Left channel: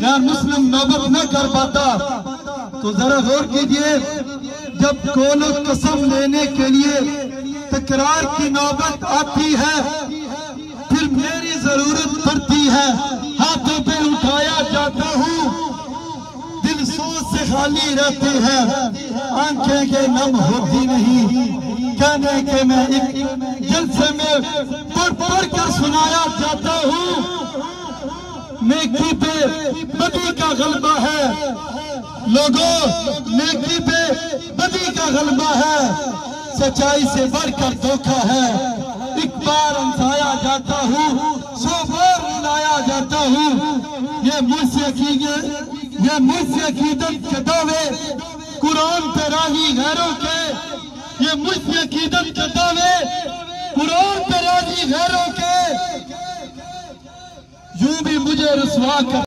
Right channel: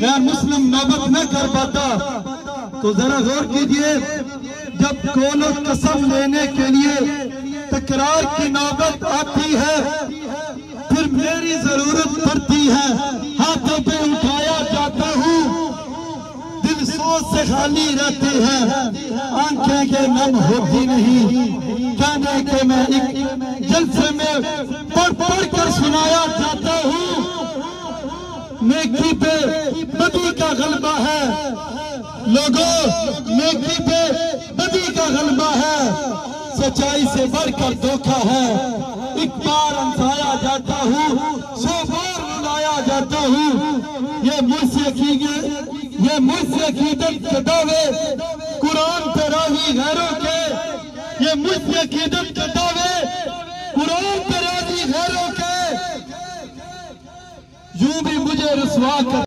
गैर मुस्लिम नौबत न कर पाता। तो जरा गौर कीजिए, जब कोनो कसम लेने के लिए तकरार की नौबत आती है, फिर मेरी जरूरत पड़ती है, हाथों पे उठाया जाता हूँ, दिल सोच से खाली रहती है, आंखें के नम होती नहीं, कहने के मैं एक जलसे में पढ़ कर सुनाया जाता हूँ। नेकी पे बदी का गलबा है लोगों, नेकी पे बदी का गलबा है, सच्चाई से बढ़कर धोखा है। एक बार अंधाया जाता हूँ, 100 बार रुलाया जाता हूँ। ये मुझसे अकीदत के दावे कुरान पे राजी गैरों के, ये मुझसे अकीदत के दावे कुरान पे राजी गैरों के, यूं भी मुझे रुसवा कर